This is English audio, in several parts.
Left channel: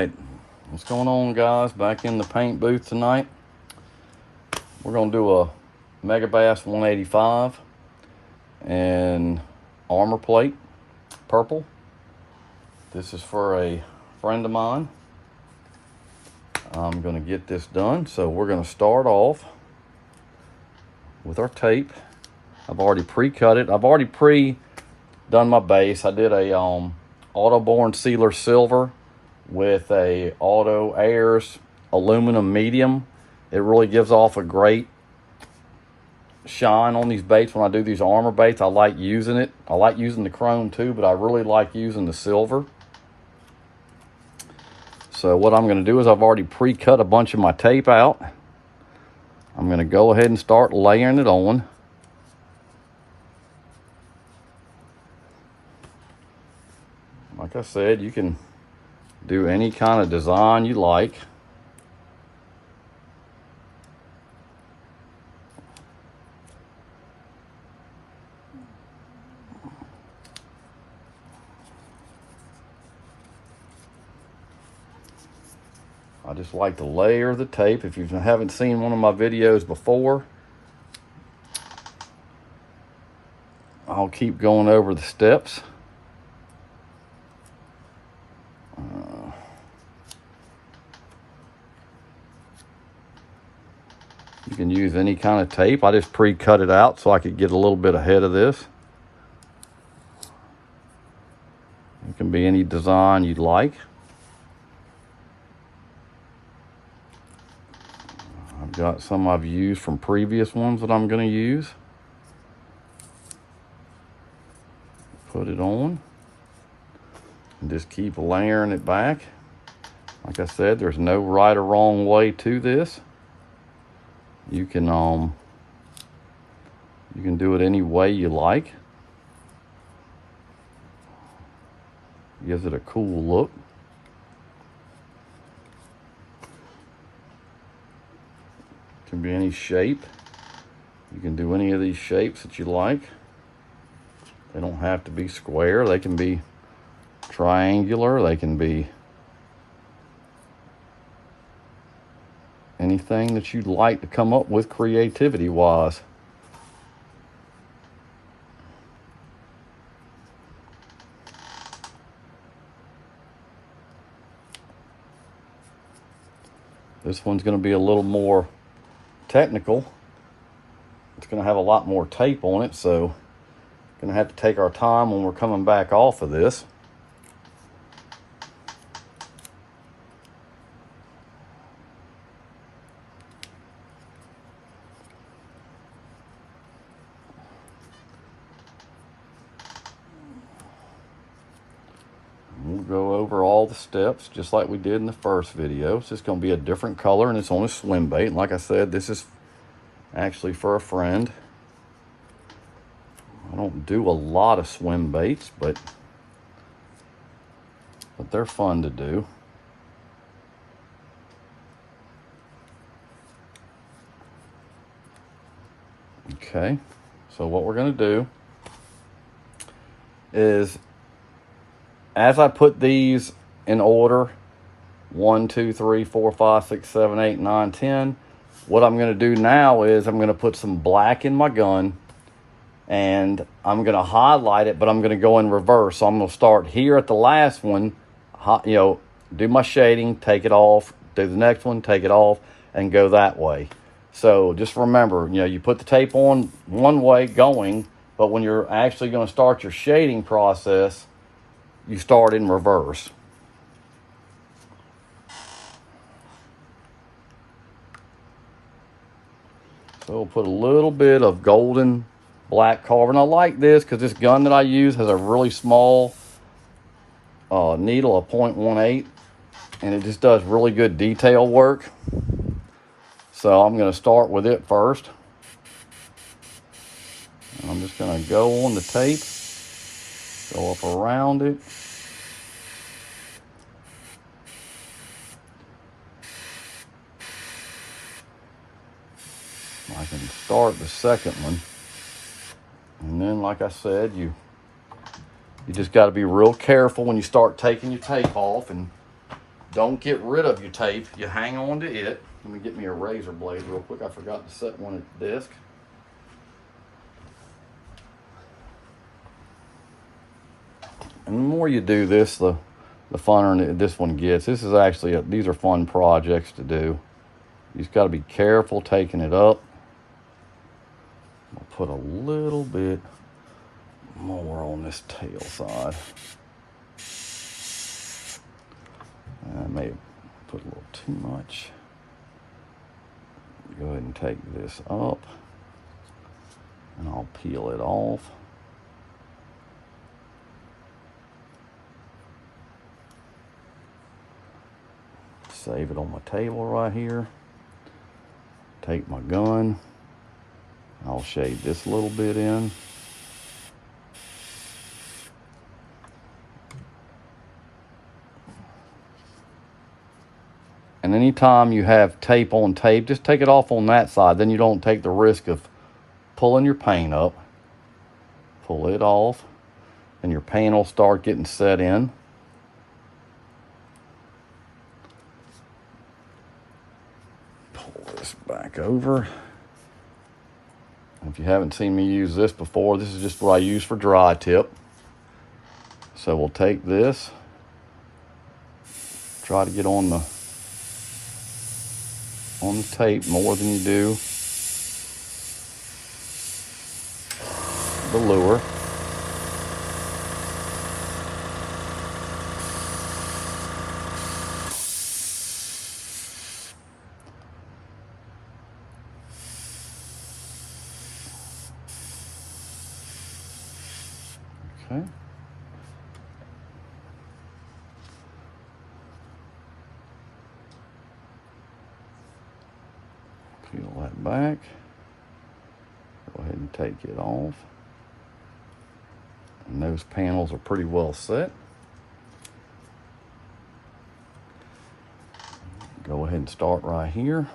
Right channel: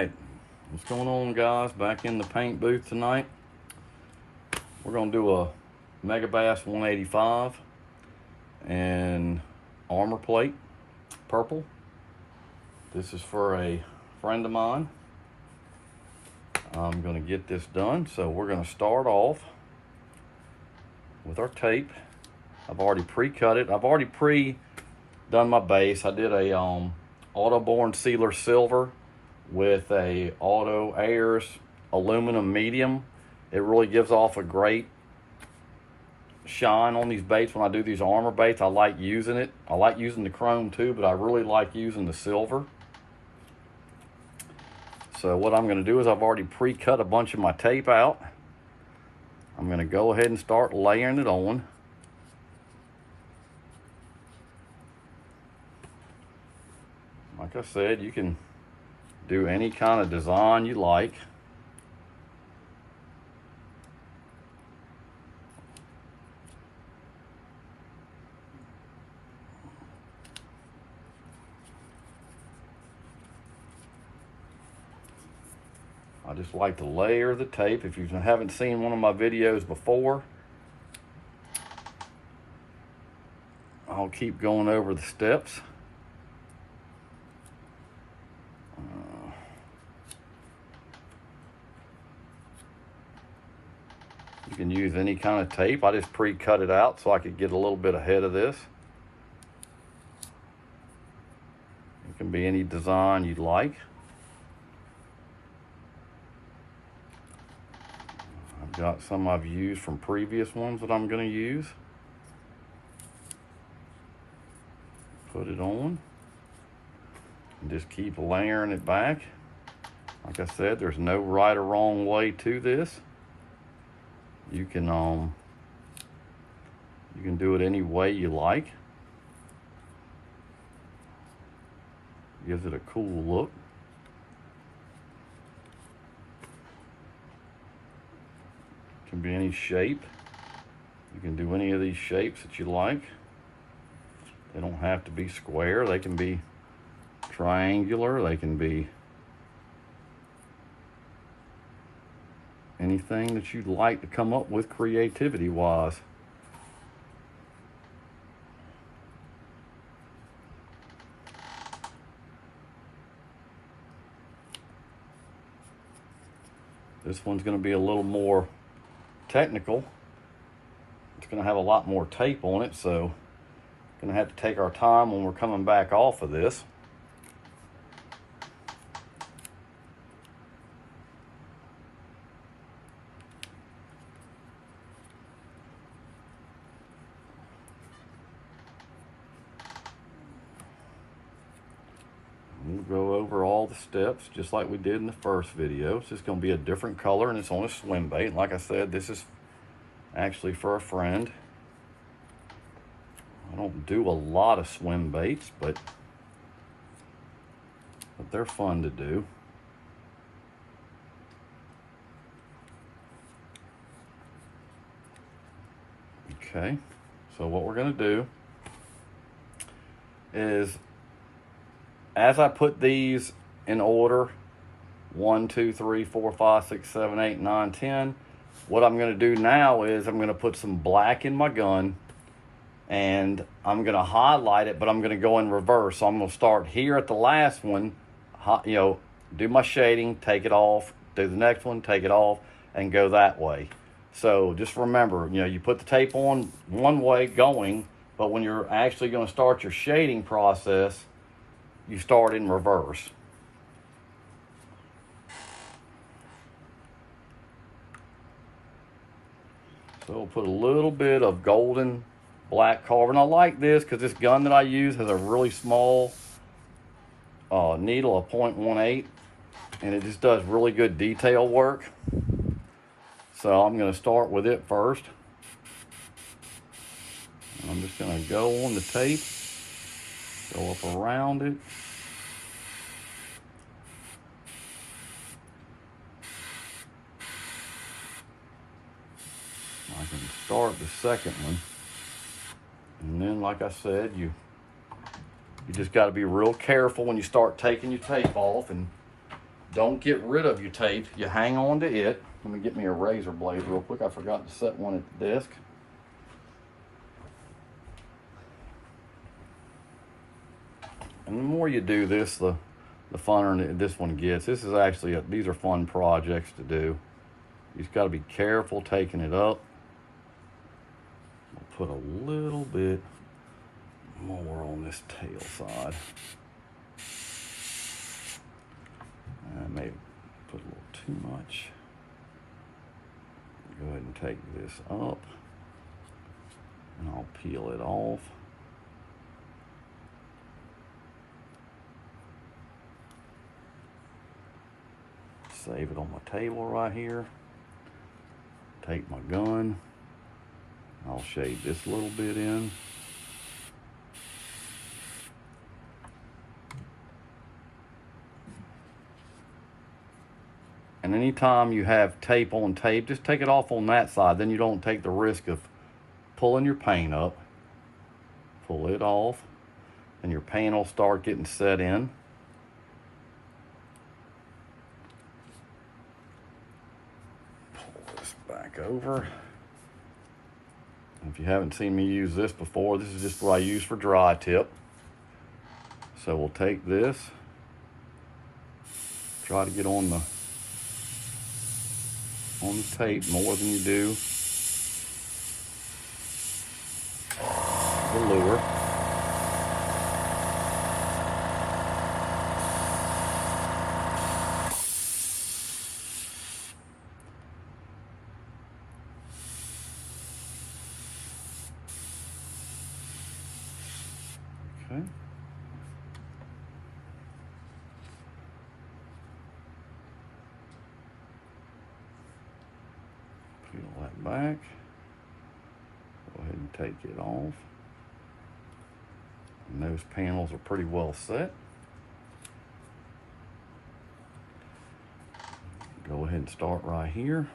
right, what's going on, guys? Back in the paint booth tonight. We're gonna do a Megabass 185 and armor plate, purple. This is for a friend of mine. I'm gonna get this done, so we're gonna start off with our tape. I've already pre-cut it. I've already pre-done my base. I did a Autoborn Sealer Silver with a Auto Airs aluminum medium. It really gives off a great shine on these baits when I do these armor baits. I like using it. I like using the chrome too, but I really like using the silver. So what I'm going to do is I've already pre-cut a bunch of my tape out. I'm going to go ahead and start layering it on. Like I said, you can do any kind of design you like. I just like to layer the tape. If you haven't seen one of my videos before, I'll keep going over the steps. You can use any kind of tape. I just pre-cut it out so I could get a little bit ahead of this. It can be any design you'd like. I've got some I've used from previous ones that I'm going to use. Put it on and just keep layering it back. Like I said, there's no right or wrong way to this. You can do it any way you like. Gives it a cool look. Can be any shape. You can do any of these shapes that you like. They don't have to be square. They can be triangular. They can be anything that you'd like to come up with creativity wise. This one's going to be a little more technical. It's going to have a lot more tape on it, so going to have to take our time when we're coming back off of this. We'll go over all the steps just like we did in the first video. It's just going to be a different color, and it's on a Swimbait. And like I said, this is actually for a friend. I don't do a lot of Swimbaits, but they're fun to do. Okay, so what we're going to do is, as I put these in order, 1, 2, 3, 4, 5, 6, 7, 8, 9, 10, what I'm going to do now is I'm going to put some black in my gun, and I'm going to highlight it, but I'm going to go in reverse. So I'm going to start here at the last one, do my shading, take it off, do the next one, take it off, and go that way. So just remember, you put the tape on one way going, but when you're actually going to start your shading process, you start in reverse. So we'll put a little bit of golden black carving. I like this because this gun that I use has a really small needle, a 0.18, and it just does really good detail work. So I'm going to start with it first. And I'm just going to go on the tape, go up around it. I can start the second one. And then, like I said, you just got to be real careful when you start taking your tape off and Don't get rid of your tape. You hang on to it. Let me get me a razor blade real quick. I forgot to set one at the desk. And the more you do this, the funner this one gets. This is actually, these are fun projects to do. You just got to be careful taking it up. I'll put a little bit more on this tail side. I may put a little too much. Go ahead and take this up, and I'll peel it off. Save it on my table right here. Take my gun. I'll shave this little bit in. And anytime you have tape on tape, just take it off on that side. Then you don't take the risk of pulling your paint up. Pull it off, and your paint will start getting set in. Pull this back over. If you haven't seen me use this before, this is just what I use for dry tip. So we'll take this, try to get on the tape more than you do the lure. Okay. Peel that back. Go ahead and take it off. And those panels are pretty well set. Go ahead and start right here.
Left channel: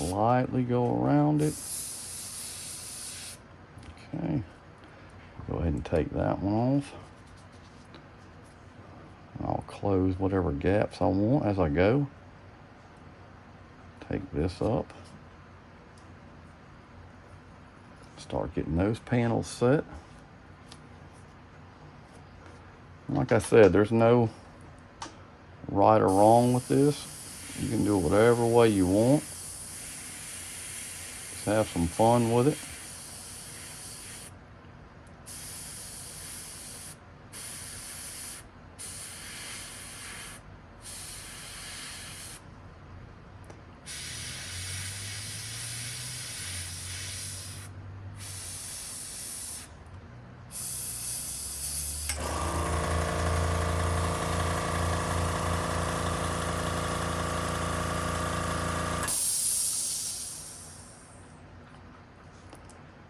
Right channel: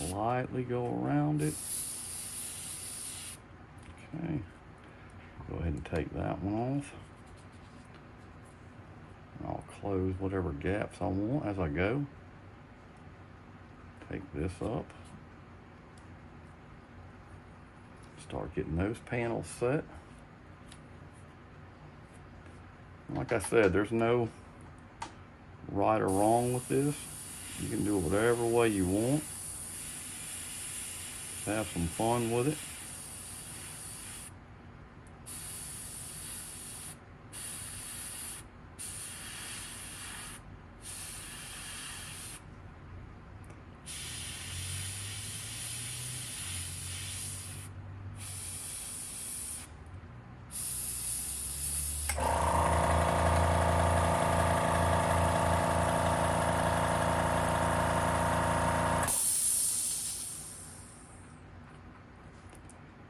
Lightly go around it. Okay, go ahead and take that one off. I'll close whatever gaps I want as I go. Take this up. Start getting those panels set. Like I said, there's no right or wrong with this. You can do it whatever way you want. Have some fun with it.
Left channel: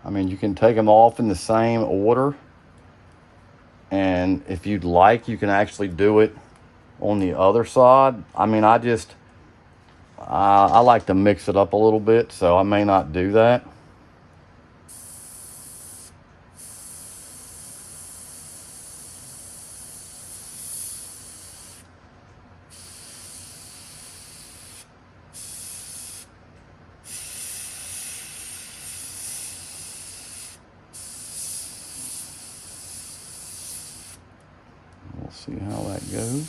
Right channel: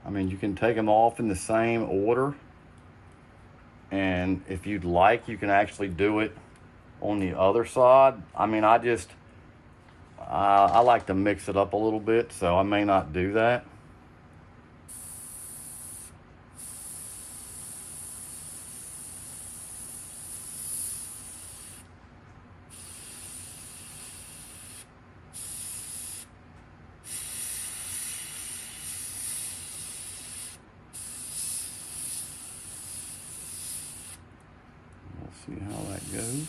I mean, you can take them off in the same order, and if you'd like, you can actually do it on the other side. I mean, I like to mix it up a little bit, so I may not do that. We'll see how that goes.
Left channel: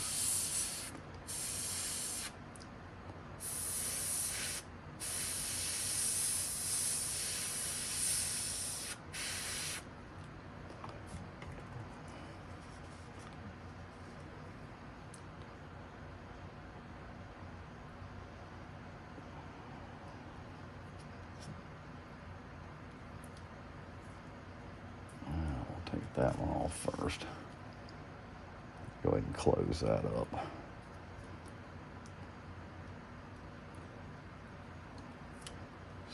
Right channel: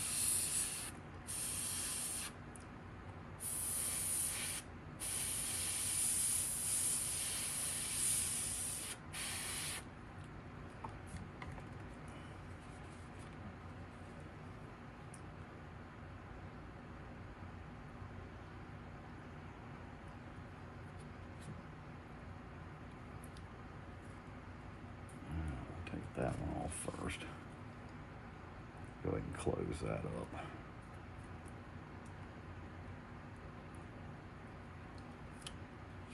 Take that one off first. Go ahead and close that up.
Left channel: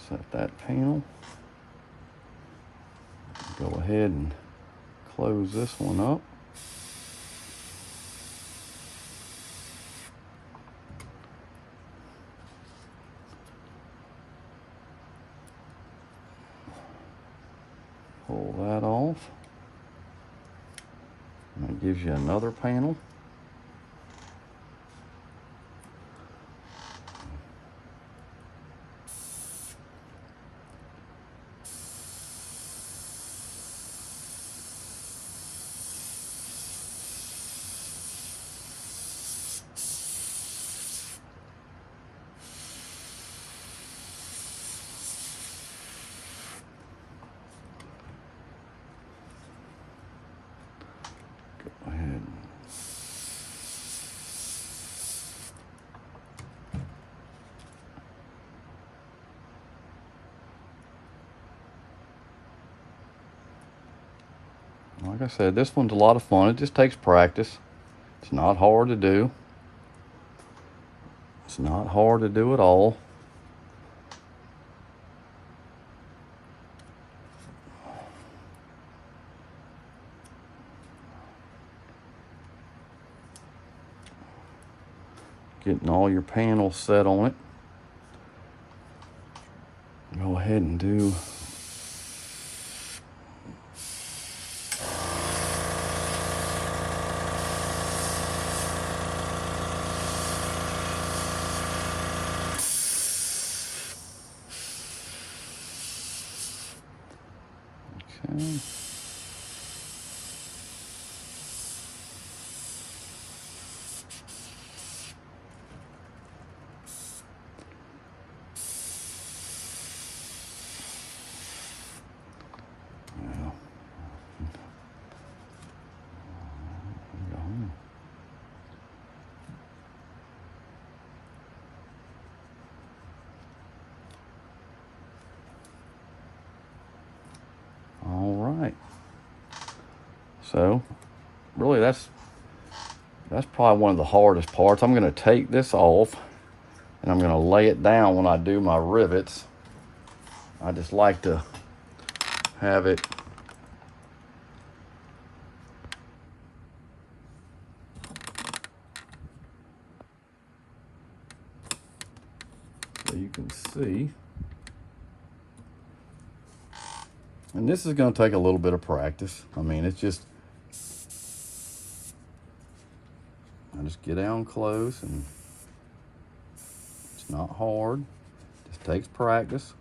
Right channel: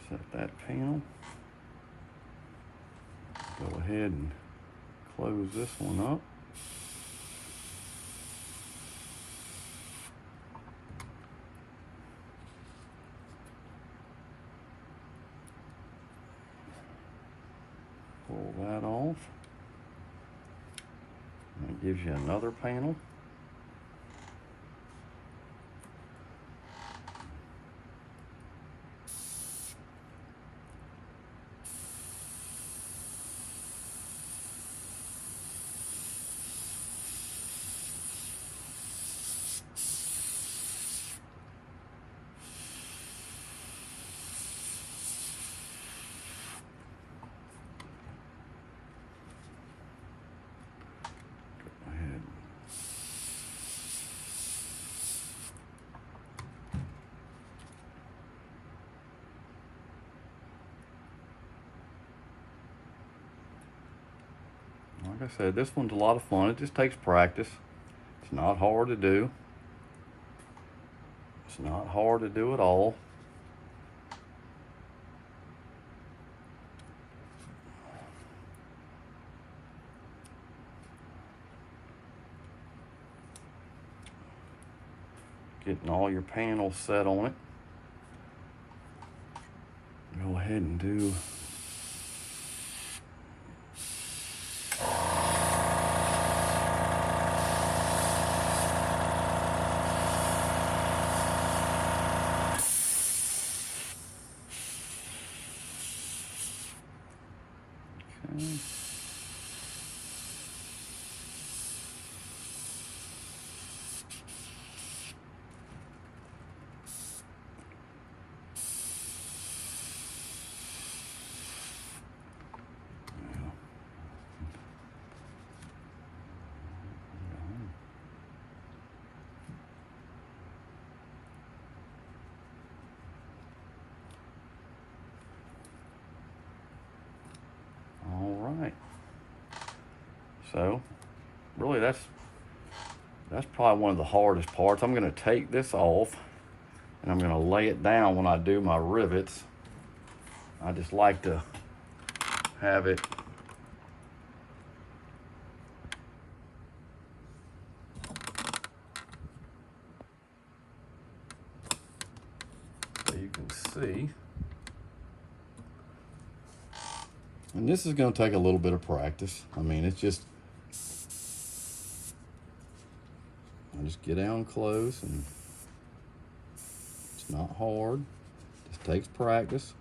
Set that panel. Go ahead and close this one up. Pull that off. And it gives you another panel. Go ahead. Like I said, this one's a lot of fun. It just takes practice. It's not hard to do. It's not hard to do at all. Getting all your panels set on it. Go ahead and do okay. So really that's probably one of the hardest parts. I'm going to take this off and I'm going to lay it down when I do my rivets. I just like to have it so you can see. And this is going to take a little bit of practice. I mean, it's just, I just get down close, and it's not hard. It just takes practice.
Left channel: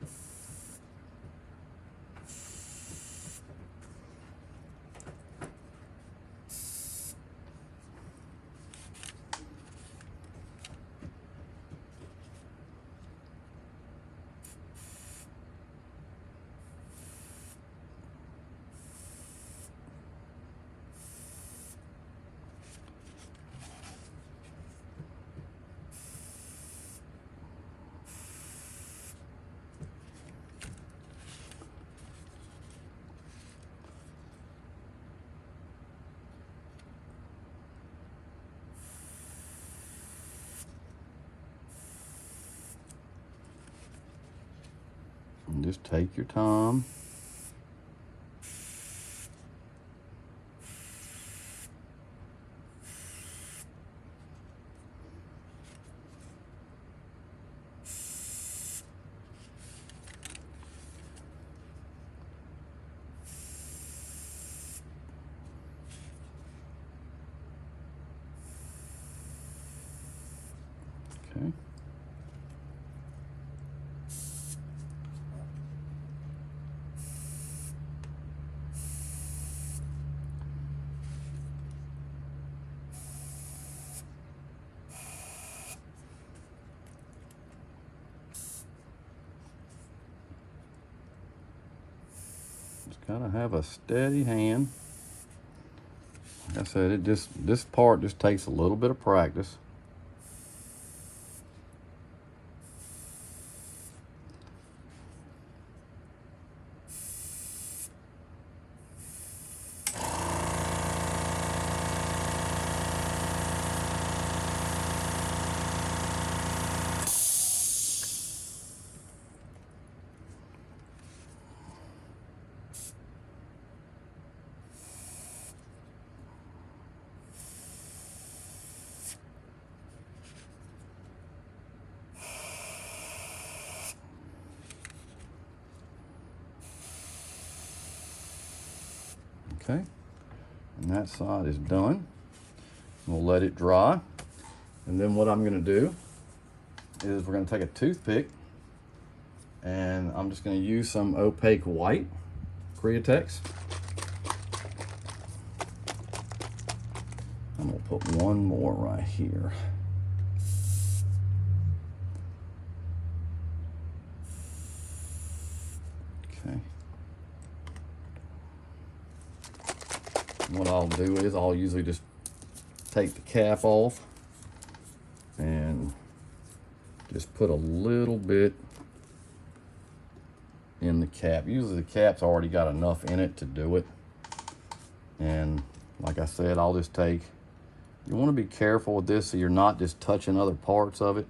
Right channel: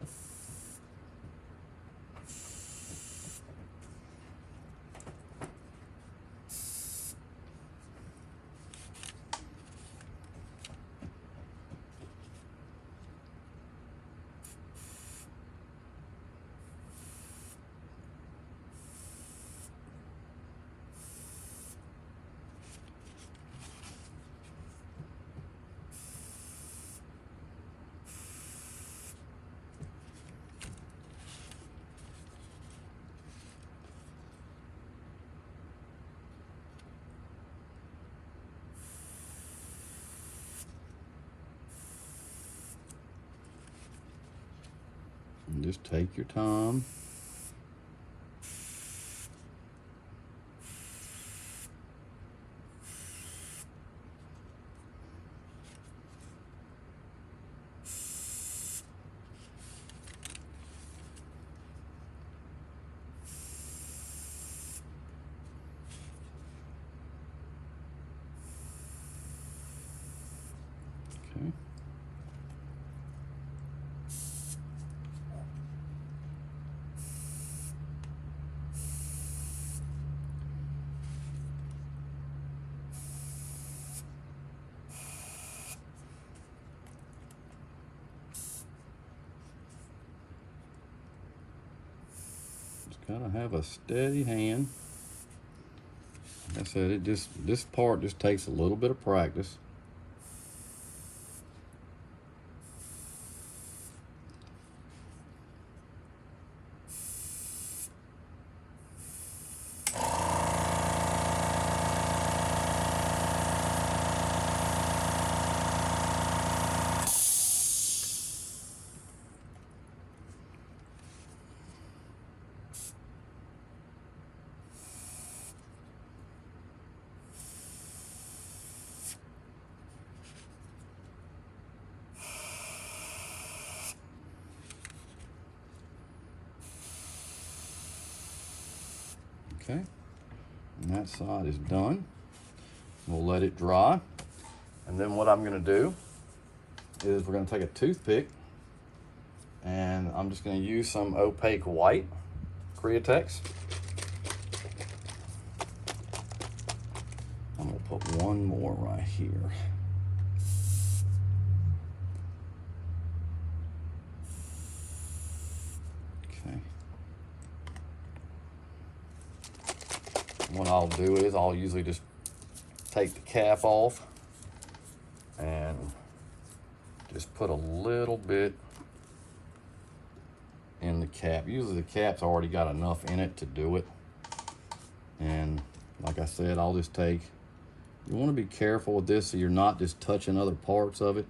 And just take your time. Okay. Just gotta have a steady hand. Like I said, this part just takes a little bit of practice. Okay, and that side is done. We'll let it dry. And then what I'm gonna do is we're gonna take a toothpick and I'm just gonna use some opaque white Createx. I'm gonna put one more right here. Okay. What I'll do is I'll usually just take the cap off and just put a little bit in the cap. Usually the cap's already got enough in it to do it. And like I said, I'll just take, you want to be careful with this so you're not just touching other parts of it.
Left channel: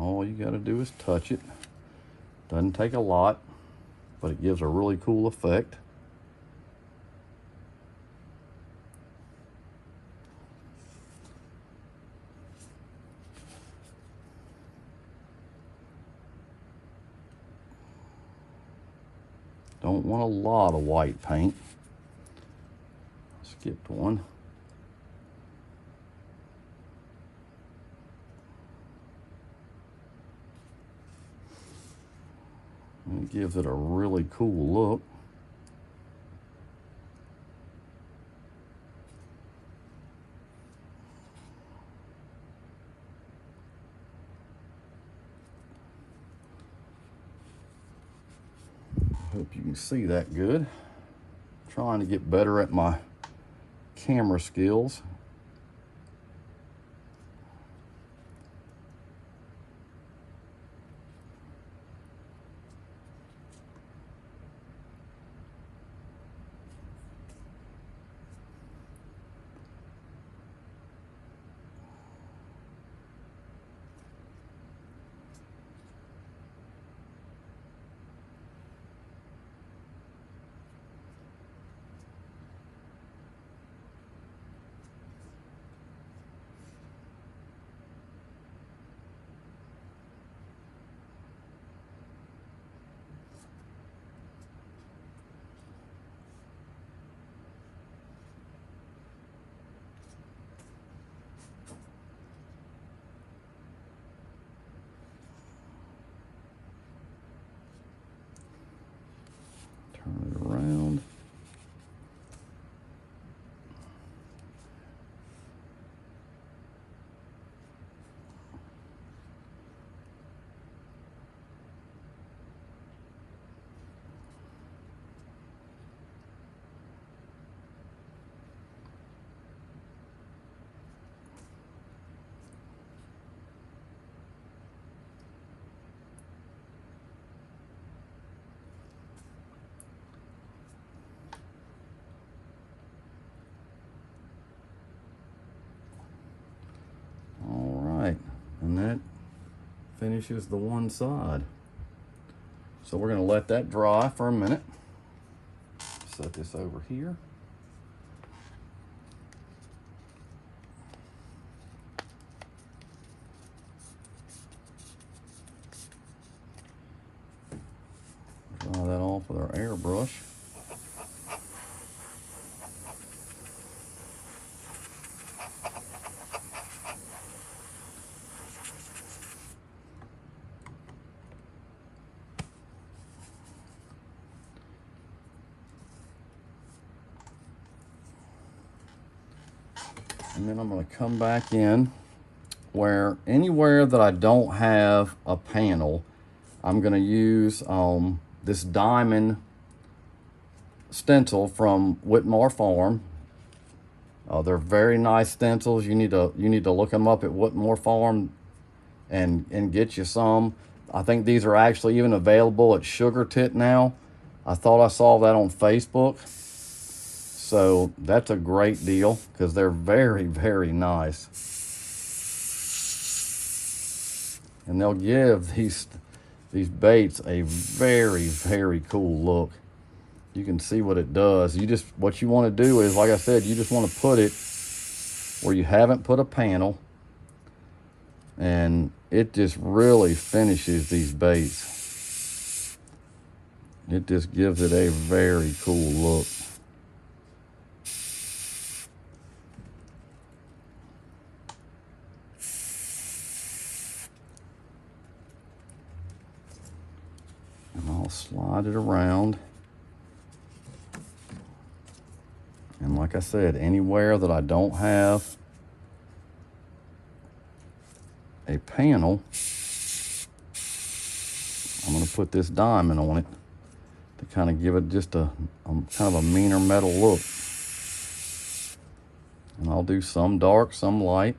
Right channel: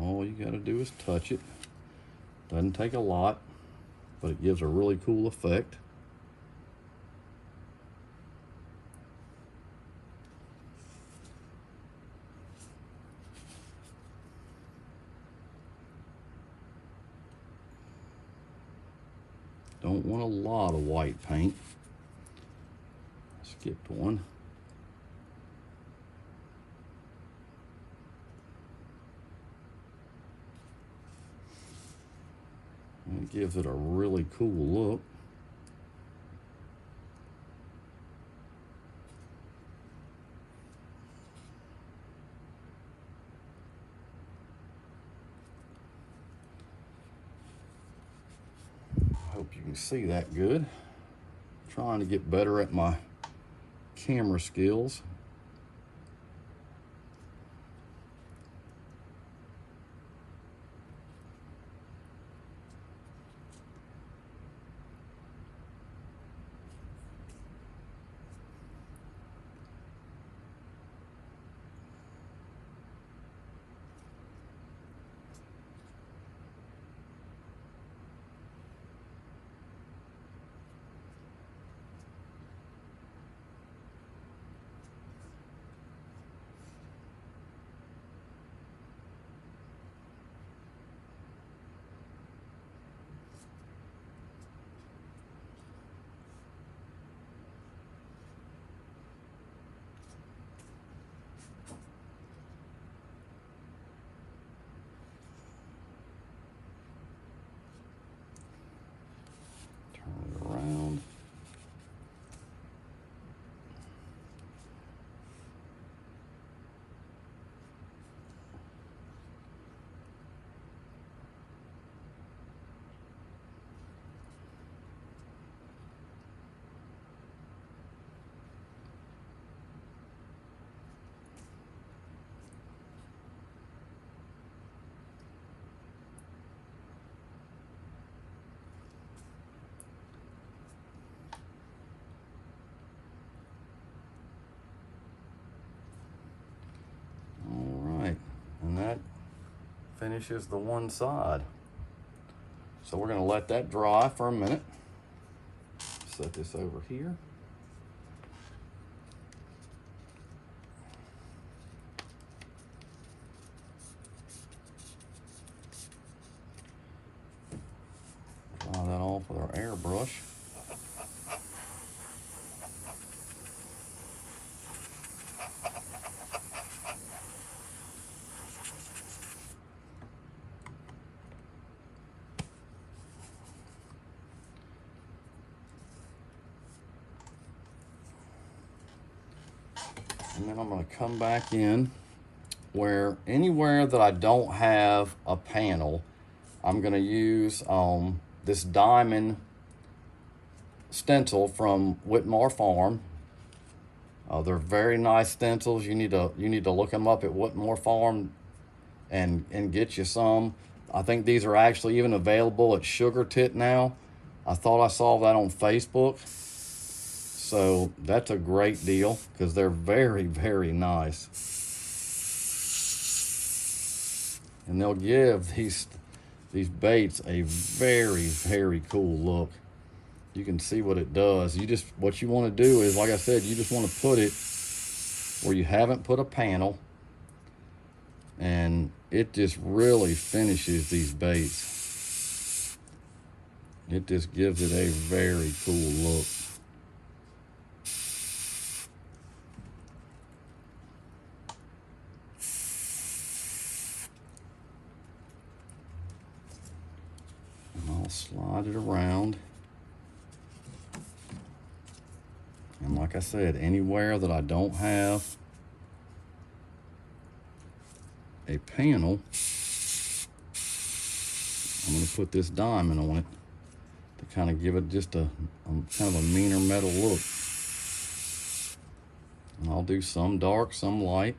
All you got to do is touch it. Doesn't take a lot, but it gives a really cool effect. Don't want a lot of white paint. Skipped one. It gives it a really cool look. Hope you can see that good. Trying to get better at my camera skills. Turn it around. And that finishes the one side. So we're going to let that dry for a minute. Set this over here. Dry that off with our airbrush. And then I'm going to come back in where anywhere that I don't have a panel, I'm going to use this diamond stencil from Whitmore Farm. They're very nice stencils. You need to look them up at Whitmore Farm and get you some. I think these are actually even available at Sugar Tit now. I thought I saw that on Facebook. So that's a great deal because they're very, very nice. And they'll give these baits a very, very cool look. You can see what it does. What you want to do is, like I said, you just want to put it where you haven't put a panel, and it just really finishes these baits. It just gives it a very cool look. And I'll slide it around. And like I said, anywhere that I don't have a panel, I'm going to put this diamond on it to kind of give it just a kind of a meaner metal look. And I'll do some dark, some light.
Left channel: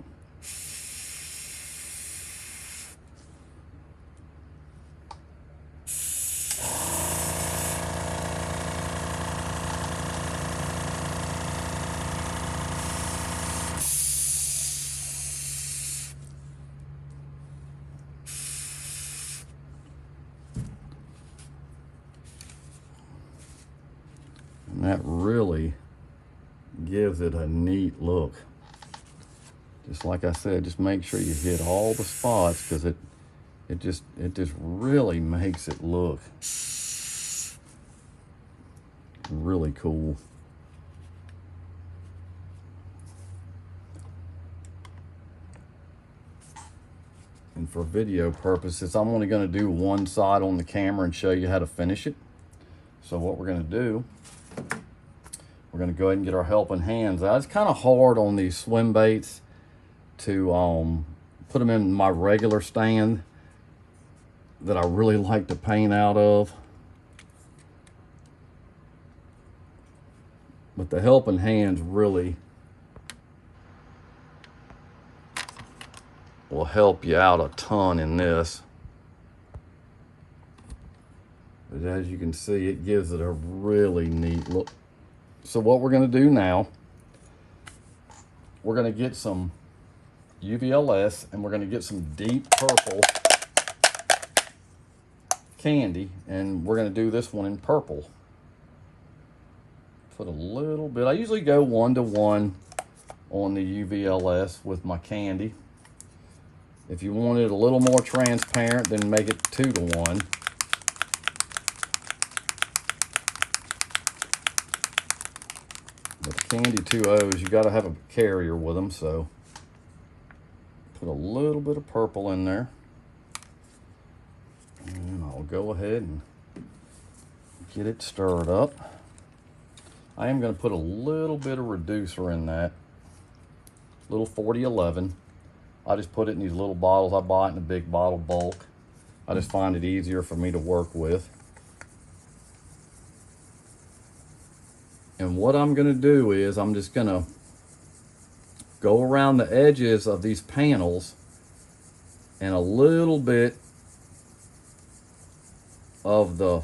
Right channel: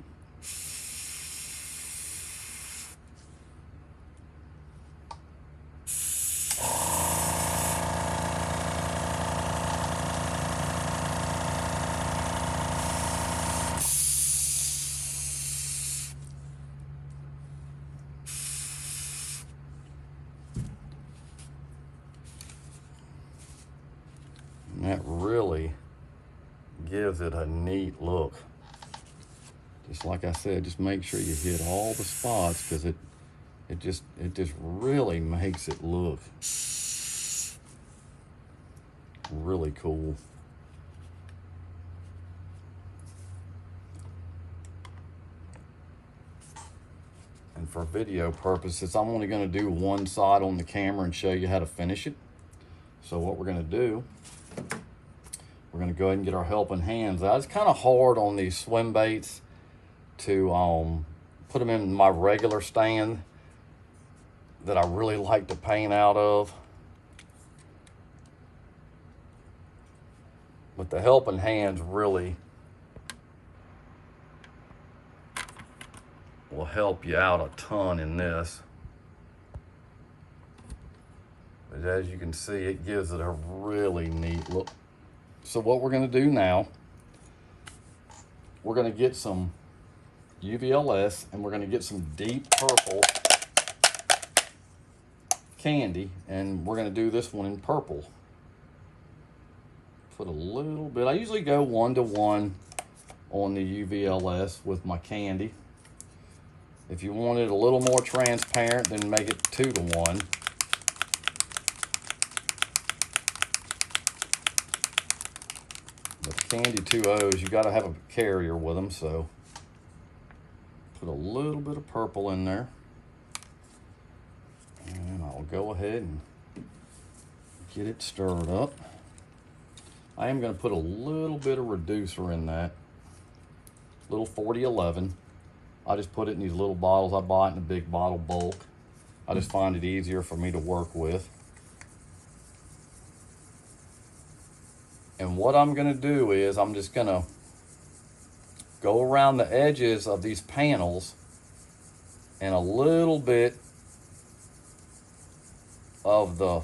And that really gives it a neat look. Just like I said, just make sure you hit all the spots, because it just really makes it look really cool. And for video purposes, I'm only going to do one side on the camera and show you how to finish it. So what we're going to do, we're going to go ahead and get our helping hands out. It's kind of hard on these swim baits to put them in my regular stand that I really like to paint out of. But the helping hands really will help you out a ton in this. But as you can see, it gives it a really neat look. So what we're going to do now, we're going to get some UVLS, and we're going to get some deep purple candy, and we're going to do this one in purple. Put a little bit. I usually go 1-to-1 on the UVLS with my candy. If you want it a little more transparent, then make it 2-to-1. But the candy 2Os, you got to have a carrier with them, so put a little bit of purple in there. And I'll go ahead and get it stirred up. I am going to put a little bit of reducer in that, little 4011. I just put it in these little bottles. I buy it in a big bottle bulk. I just find it easier for me to work with. And what I'm going to do is I'm just going to go around the edges of these panels and a little bit of the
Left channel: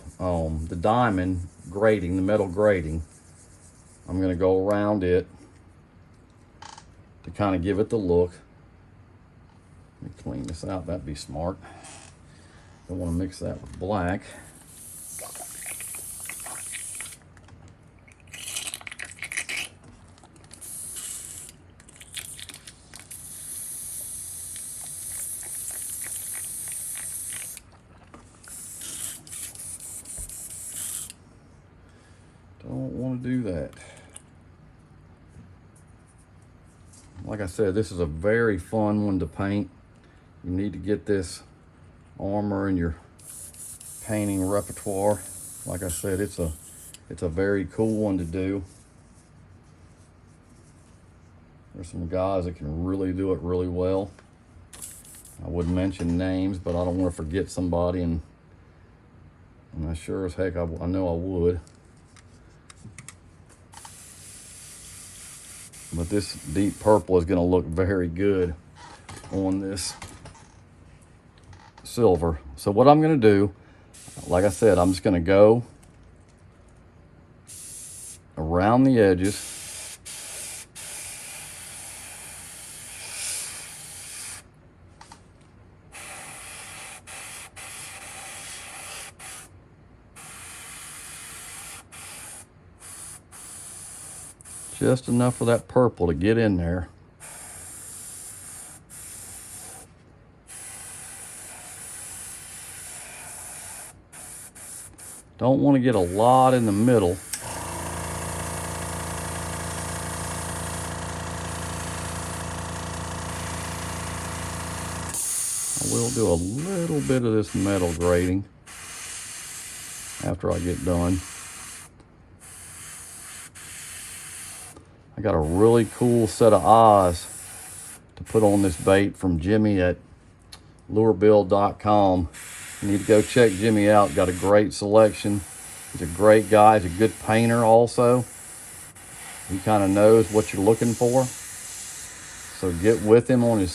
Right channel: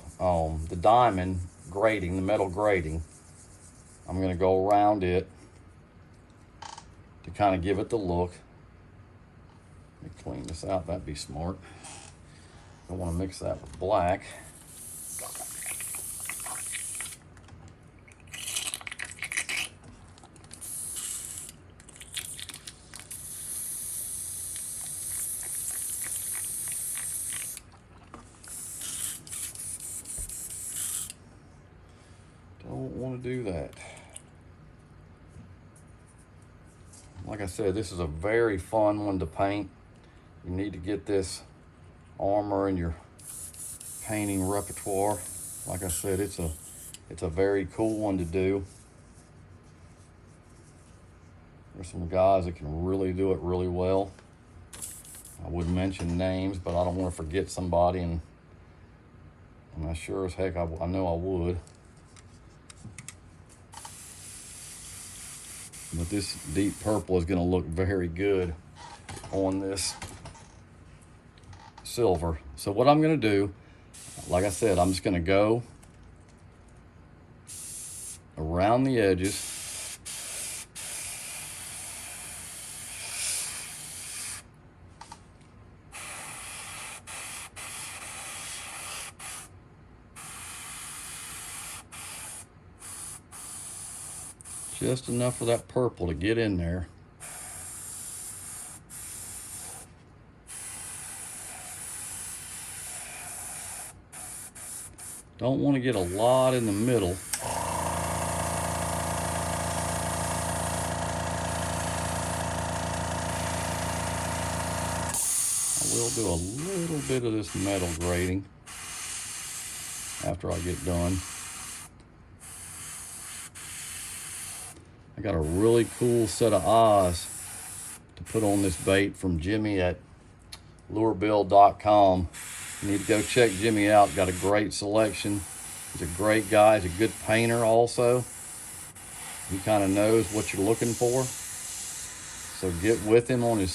diamond grating, the metal grating. I'm going to go around it to kind of give it the look. Let me clean this out, that'd be smart. Don't want to mix that with black. Don't want to do that. Like I said, this is a very fun one to paint. You need to get this armor in your painting repertoire. Like I said, it's a very cool one to do. There's some guys that can really do it really well. I wouldn't mention names, but I don't want to forget somebody, and I sure as heck I know I would. But this deep purple is going to look very good on this silver. So what I'm going to do, like I said, I'm just going to go around the edges. Just enough for that purple to get in there. Don't want to get a lot in the middle. I will do a little bit of this metal grading after I get done. I got a really cool set of eyes to put on this bait from Jimmy at lurebuild.com. You need to go check Jimmy out. Got a great selection. He's a great guy. He's a good painter also. He kind of knows what you're looking for. So get with him on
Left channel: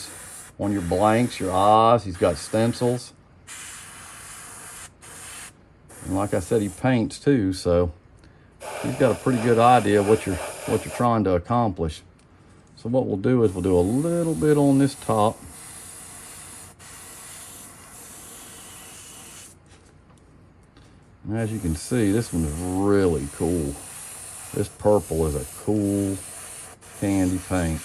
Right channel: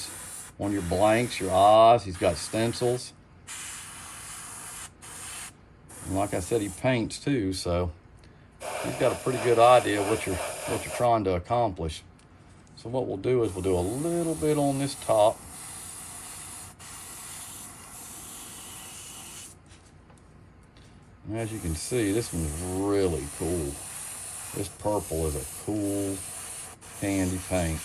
your blanks, your eyes. He's got stencils. And like I said, he paints too, so he's got a pretty good idea of what you're trying to accomplish. So what we'll do is we'll do a little bit on this top. And as you can see, this one's really cool. This purple is a cool candy paint.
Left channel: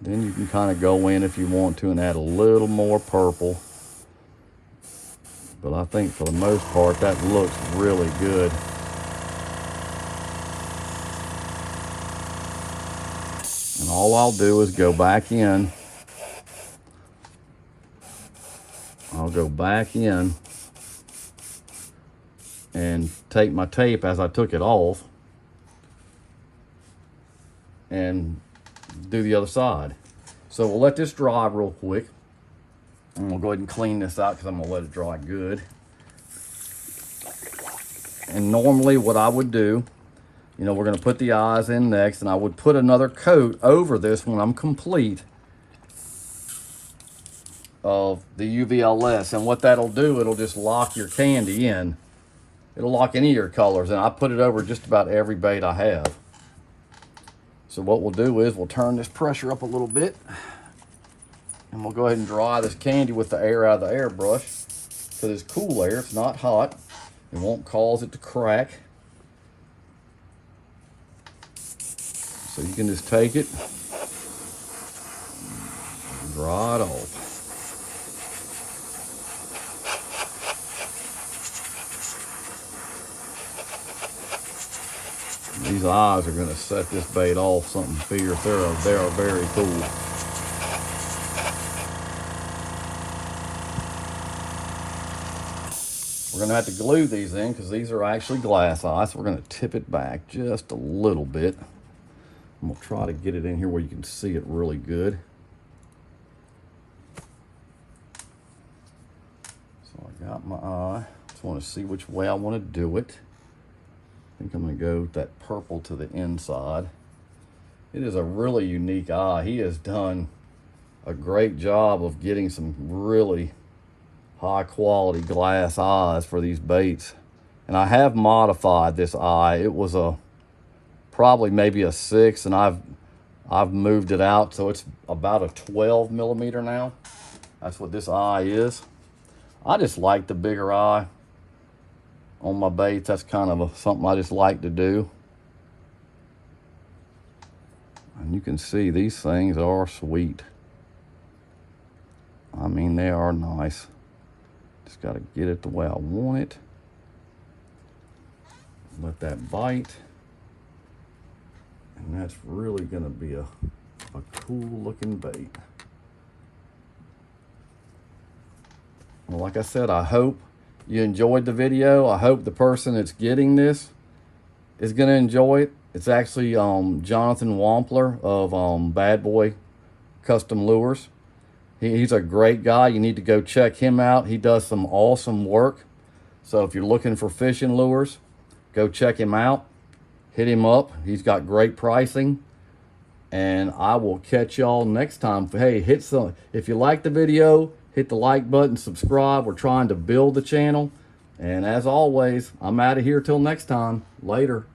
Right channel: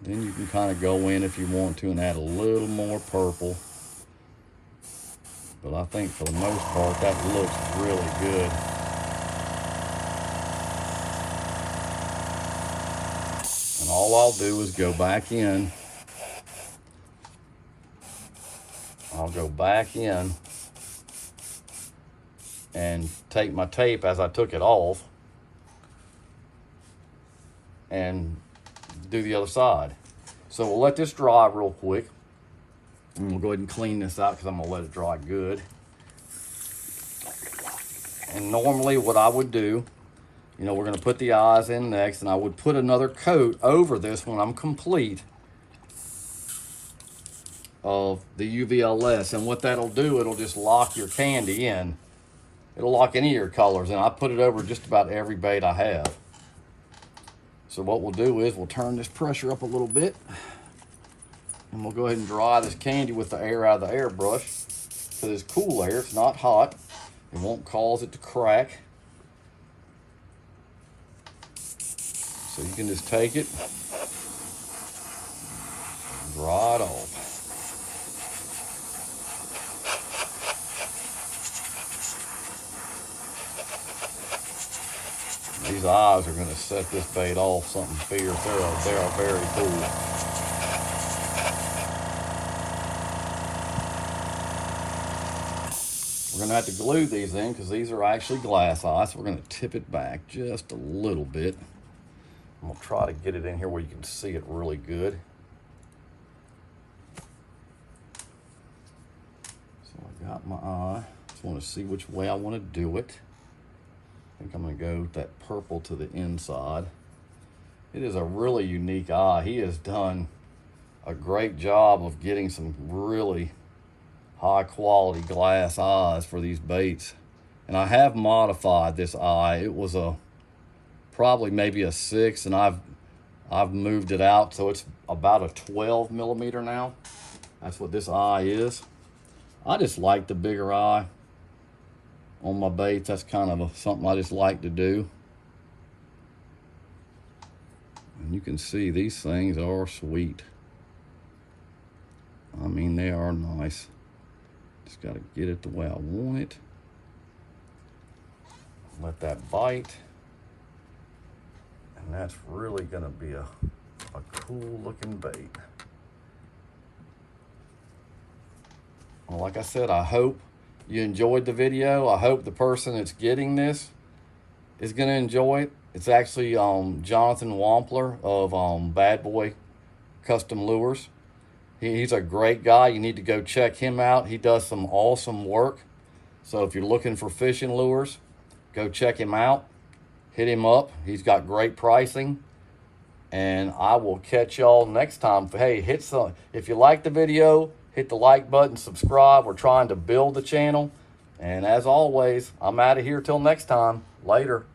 Then you can kind of go in if you want to and add a little more purple. But I think for the most part, that looks really good. And all I'll do is go back in. I'll go back in and take my tape as I took it off and do the other side. So we'll let this dry real quick. And we'll go ahead and clean this out because I'm gonna let it dry good. And normally what I would do, you know, we're gonna put the eyes in next, and I would put another coat over this when I'm complete of the UVLS. And what that'll do, it'll just lock your candy in. It'll lock any of your colors, and I put it over just about every bait I have. So what we'll do is we'll turn this pressure up a little bit, and we'll go ahead and dry this candy with the air out of the airbrush. Because it's cool air, it's not hot. It won't cause it to crack. So you can just take it, dry it off. These eyes are going to set this bait off something fierce. They are very cool. We're going to have to glue these in because these are actually glass eyes. So we're going to tip it back just a little bit. And we'll try to get it in here where you can see it really good. So I got my eye. Just want to see which way I want to do it. I think I'm going to go with that purple to the inside. It is a really unique eye. He has done a great job of getting some really high quality glass eyes for these baits. And I have modified this eye. It was probably maybe a 6, and I've moved it out so it's about a 12 millimeter now. That's what this eye is. I just like the bigger eye on my baits. That's kind of something I just like to do. And you can see these things are sweet. I mean, they are nice. Just got to get it the way I want it. Let that bite. And that's really going to be a cool looking bait. Well, like I said, I hope you enjoyed the video. I hope the person that's getting this is going to enjoy it. It's actually Jonathan Wampler of Bad Boy Custom Lures. He's a great guy. You need to go check him out. He does some awesome work. So if you're looking for fishing lures, go check him out. Hit him up. He's got great pricing. And I will catch y'all next time. Hey, if you like the video, hit the like button, subscribe. We're trying to build the channel. And as always, I'm out of here till next time. Later.